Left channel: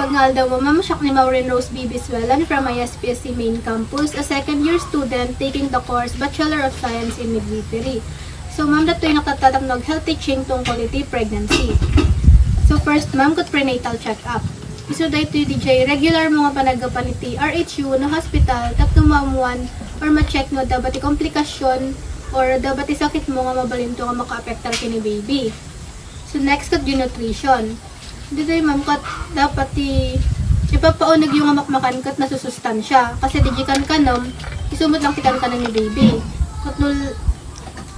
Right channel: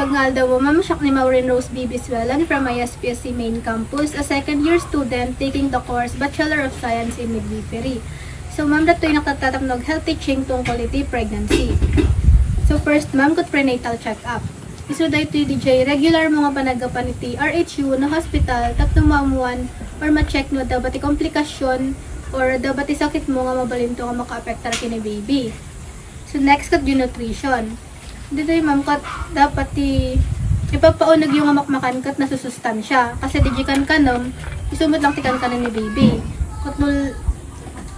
Ibagnal daw Ma'am Siak ni Maureen Rose Bibiswelan from ISPSC Main Campus, a second-year student taking the course Bachelor of Science in Midwifery. So, ma'am, dato'y nakatatamnog health teaching tungkol iti pregnancy. So, first, ma'am, kat prenatal check-up. Iso dahito DJ, regular mga panagapan iti RHU na hospital, tapno maamuan or ma-check no, dapat komplikasyon or dapat sakit mo nga mabalinto nga maka-apektar kini baby. So, next, kat nutrition. Dito ma'am, kat dapat ipapaunag yung makmakan kat nasusustansya. Kasi dijikan kanom, isumot lang tikan ka ni baby. Kat nul,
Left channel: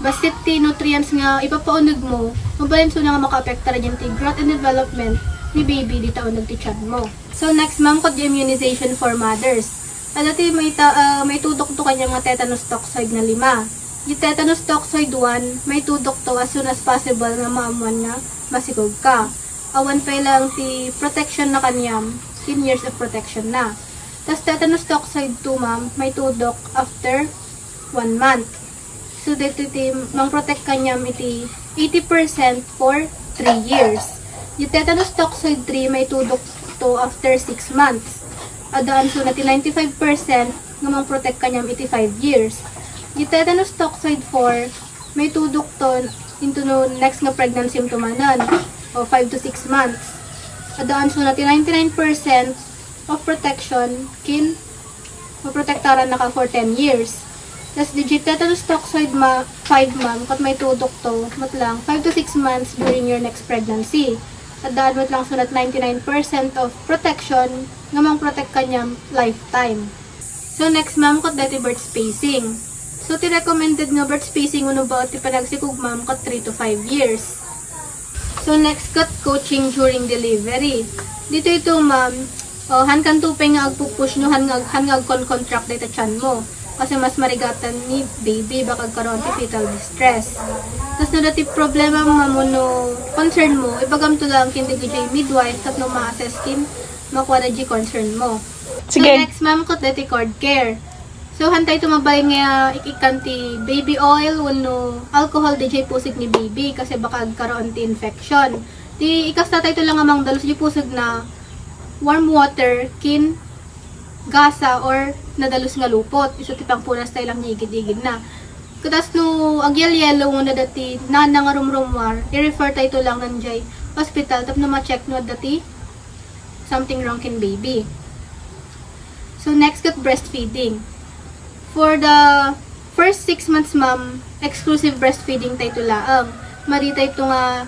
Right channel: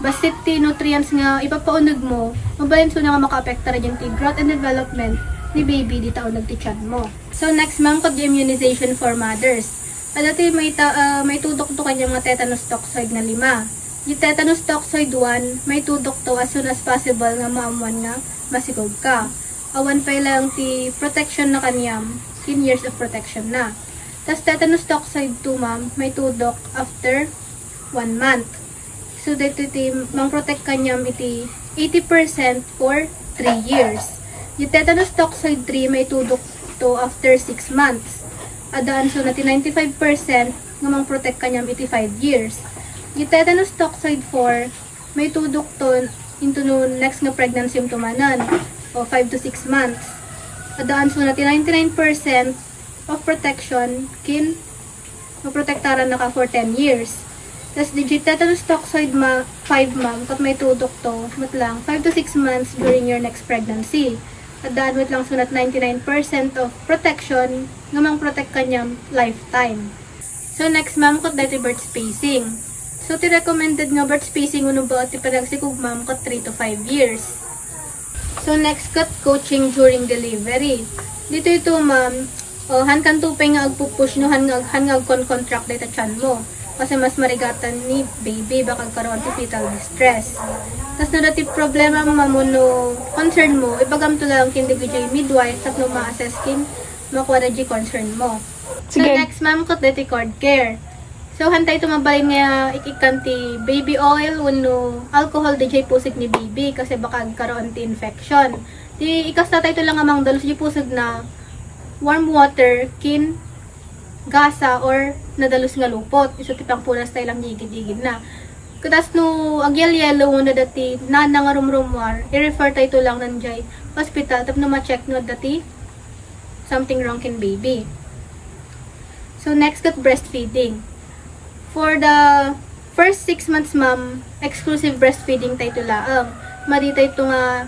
basit ti nutrients nga ipapaunag mo, mabalinto na nga maka-apektar yung growth and development ni baby dito nagtichan mo. So next ma'am, kod immunization for mothers. Dati may tudok to kanya mga tetanus toxoid na 5. Yung tetanus toxoid 1, may tudok to as soon as possible nga maamuan nga masigog ka. Awan pa lang ti protection na kanyam, 10 years of protection na. Tapos tetanus toxoid 2 ma'am, may tudok after 1 month. So dito mang protect kanyam iti 80% for 3 years. Yung tetanus toxoid 3 may tudok to after 6 months. Adaan so natin 95% nga mang protect kanyam iti 5 years. Yung tetanus toxoid 4 may tudok to into no next nga pregnancy yung tumanan o 5 to 6 months. Adaan so natin 99% of protection kin maprotektaran na ka for 10 years. Tapos digit tetanus toxoid 5 ma'am kat may tudok to matlang 5 to 6 months during your next pregnancy. At daan mo lang sunat 99% of protection nga mang protect kanyang lifetime. So next ma'am, kat dati birth spacing. So ti recommended nga birth spacing uno ba ti panagsikog ma'am kat 3 to 5 years. So next kat coaching during delivery. Dito ito ma'am, han kan tupay nga agpupush no han nga contract data chan mo. Kasi mas marigatan ni baby baka karon ti fetal distress. Tas na dati problema mamuno concern mo, ipagam to lang kindi ko dyan midwife tapno ma-assess kin makuha na dyan concern mo. So next ma'am, kat dati cord care. So hantay tumabay nga ikikanti baby oil wano alcohol di dyan pusig ni baby kasi baka agkaroon ti infection. Di ikasta tayo lang amang dalos dyan pusig na warm water kin gasa or nadalos nga lupot. Iso tipang punas tayo lang higid-higid na. Katas no agyal-yelo na dati na nga rumrumwar, i-refer tayo lang nandiyan hospital tapno ma-check no dati something wrong kin baby. So next kat breastfeeding. For the first 6 months ma'am, exclusive breastfeeding tayo laang. Mari tayo nga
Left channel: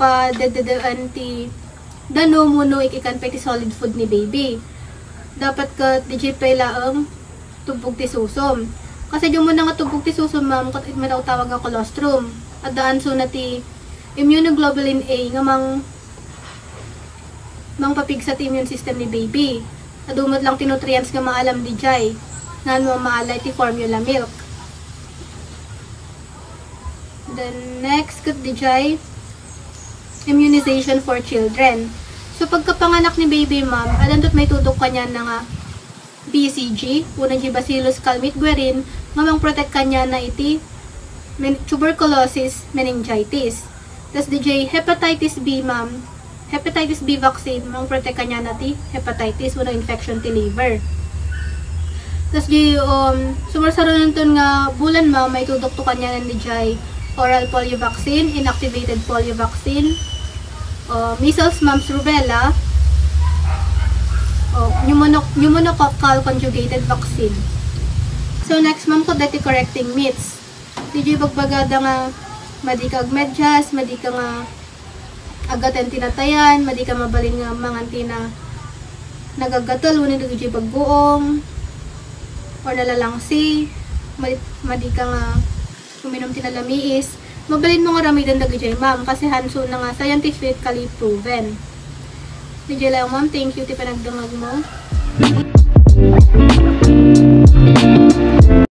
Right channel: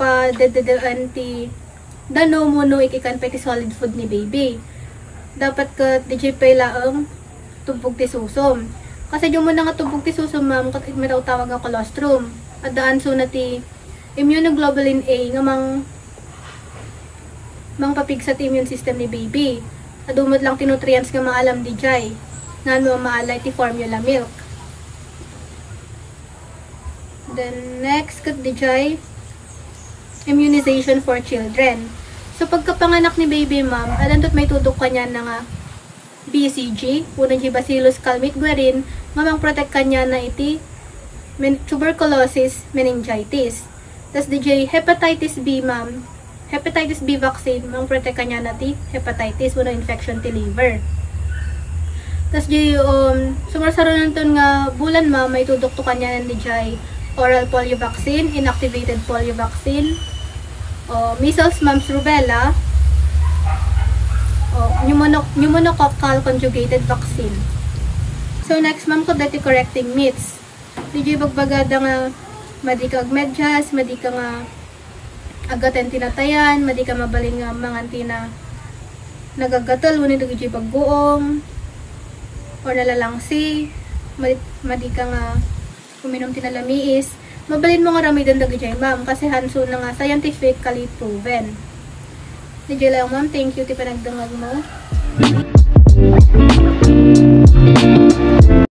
pa dededaan ti dano mo no ikikan pa ti solid food ni baby. Dapat ka DJ pa laang tubog ti susom. Kasi yung muna nga tubog ti susom ma'am, kat mataw tawag ang colostrum. At daan so na ti immunoglobulin A nga mang papig sa ti immune system ni baby. At dumod lang ti nutrients nga maalam di jay. Nan mo maalay ti formula milk. Then next kat di jay, immunization for children. So pagkapanganak ni baby ma'am, alantot may tudok kanya na nga BCG, unang Bacillus calmette-guerin, ngamang protect kanya na iti tuberculosis, meningitis. Tas DJ hepatitis B ma'am, hepatitis B vaccine, ngamang protect kanya na iti hepatitis, unang infection ti liver. Tas di sumarsaronan ton nga bulan ma'am, may tudok to kanya na DJ oral polio vaccine, inactivated polio vaccine, measles, mumps, rubella, pneumococcal conjugated vaccine. So next ma'am ko dati correcting myths. Di bagbagada nga madi ka agmedyas, madi ka nga agaten tinatayan, madi ka mabalin nga mga tina nagagatal, wani di bagguong or nalalangsi, madi ka nga uminom tinalamiis. Mabalin mo nga ramidan dagi ma'am kasi hanso na nga scientifically proven. Medyo lang ma'am, thank you ti panagdangag mo.